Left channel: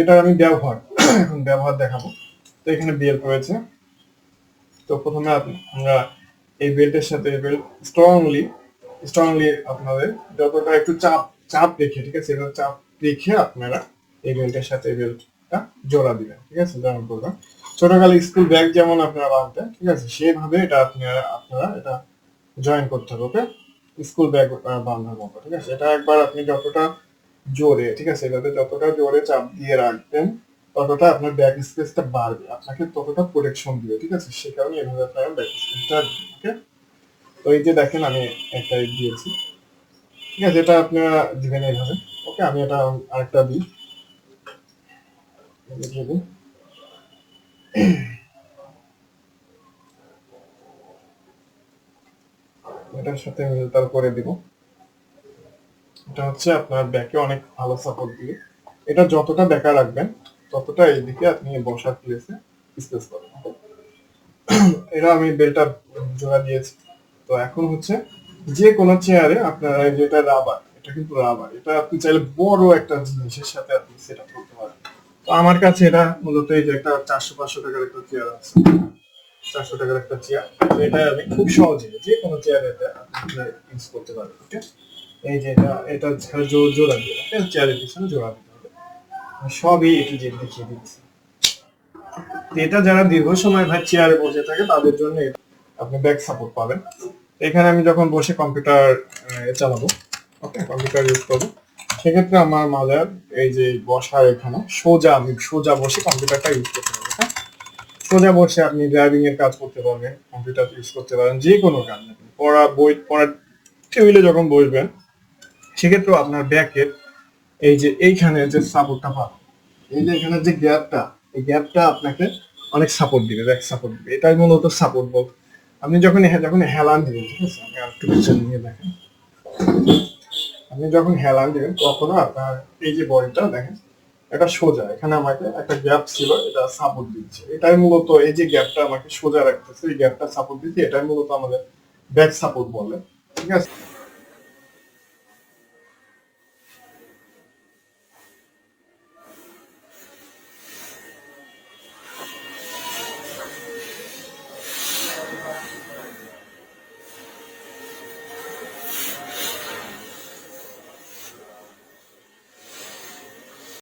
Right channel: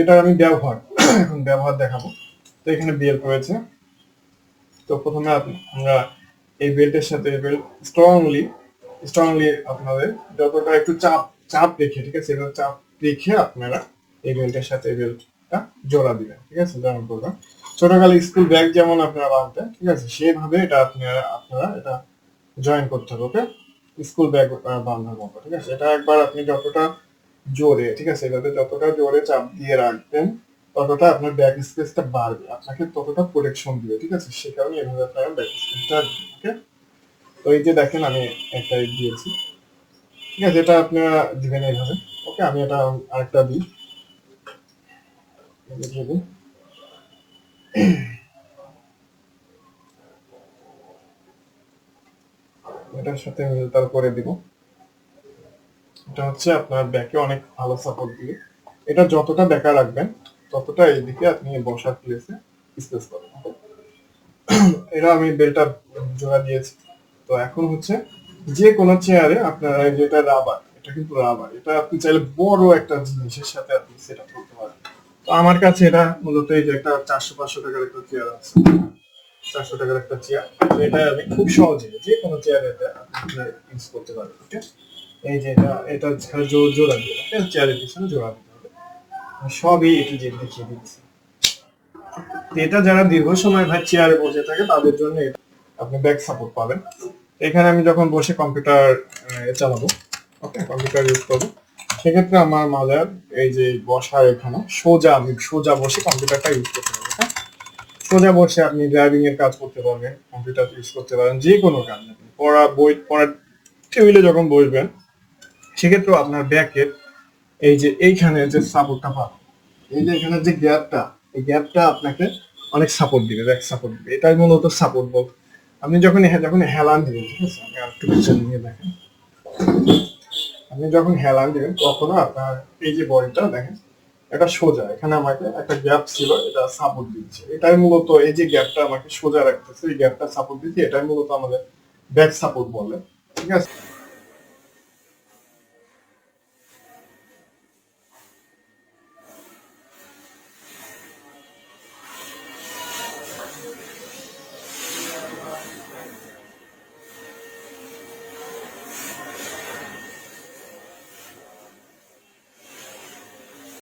এটা আমি ব্যবহার এখন ব্যবহার দেখাবো। তো এখানে বেল্ট রয়েছে। তো প্রথমে আপনারা এই বেল্টের সাথে বেল্ট স্ট্রংলি আপনাদের যতটা একটু চাপ চাপ রেখে, ঠিক আছে, এবার চাপ রেখে আপনারা এই বেল্টের সাথে এই বেল্টটা জোড়া দিবেন, ঠিক আছে, জয়েন করবেন। ছোটকালে স্কুল ব্যাগ যেমন আপনারা বাঁধতেন, ঠিক আছে, সেভাবে এটা আপনারা এটা জয়েন করতে হবে স্কুল ব্যাগ বাঁধার মতো, ঠিক আছে। এটা একবার আপনি যতটা জোরে, ঠিক আছে, এভাবে যতটা জোরে চাপ দিয়ে রাখবেন ততটা আপনার ব্যাক স্পেসটা বাড়বে, আপনাকে ততটা প্রোটেকশন দিবে, ঠিক আছে। সে কারণে এভাবে আপনারা ব্যাক স্পেসটা দিকে। তো এই যে দেখেন আমি একটা দিয়েছি, ঠিক আছে, এটা আপনারা দিবেন এইভাবে। ওকে, আমি এটা আরেকটা দিই। দেবো। এটার সাথে তার করে দিব। এটা হচ্ছে আপনার ব্যাকে অনেক ভালো সাপোর্ট দিয়ে, এটা যতটা দেখা রাখবেন ততটা এইদিকে আপনি বসার প্লেসে স্পেস পাবেন। এটা আমি বেলটা জোড়া দিয়েছি। তো এখন হচ্ছে যে কোনো চেয়ারে আপনারা যেটা রাবার, এটা কিন্তু রাবার, এটা আপনি চাইলে বড় একটা জিনিসের সাথে আপনি সেট আপ করতে পারেন। তো আমার কাছে এটা মূলত এই যে একটা 400-500 টাকার একটা চেয়ার আছে, 400 টাকার একটা চেয়ার। তো এটা আমি খুব সহজে যে কোনো চেয়ার এটা আপনারা ইউজ করতে পারেন। ঠিক আছে, এই যে এটা জোড়া দিয়ে চেয়ারের পিছনে জোড়া দিতে হবে। আমি সবই একটু যে দেখিয়ে দিচ্ছি। তো এটা যারা দীর্ঘ সময় ভাই চেয়ারে বসে থাকে তাদের জন্য আপনি ব্যাক সাপোর্ট পাবেন। এখানে আমি যখন বসে কম্পিউটার চালাবো, কম্পিউটার ইউজ করবো, সেক্ষেত্রে আমার মাজার এই যে বসার এখানে আমি সোজা বসে কম্পিউটারটা ইউজ করতে পারবো। হ্যাঁ, সোজা বসে আপনি ড্রাইভিং এর কাজ করতে পারবেন, কম্পিউটার ইউজ করতে পারেন, যে কোনো কাজ। পড়ার টেবিলে যখন বসবেন সেক্ষেত্রে আপনার ব্যাকের এই যে এইখানে যে সাপোর্টটা পাবেন, এই যে এখানে যে গ্যাপটা, এই গ্যাপটা আপনাকে অনেক সাপোর্ট দিবে, ব্যাক সাপোর্ট দিবে। এটাই মূলত সাপোর্ট বলতে। আপনি যখন হেলান দিবেন, ঠিক আছে, আমি আরেকটু পেছনে নিয়ে দেখেন। আপনি যখন হেলান দিবেন তখন আপনার এই যে বডিটা দেখেন, এটা সোজা, এখানে আমাকে একটা গ্যাপ ছিল, এটা সাপোর্ট দিচ্ছে। এটাই মূলত এই যে গ্যাপটা আমাকে সোজা রাখতেছে, এই গ্যাপটা সাপোর্ট দিচ্ছে, এটাই মূলত আমাদের ব্যাক সাপোর্ট বলে, ঠিক আছে।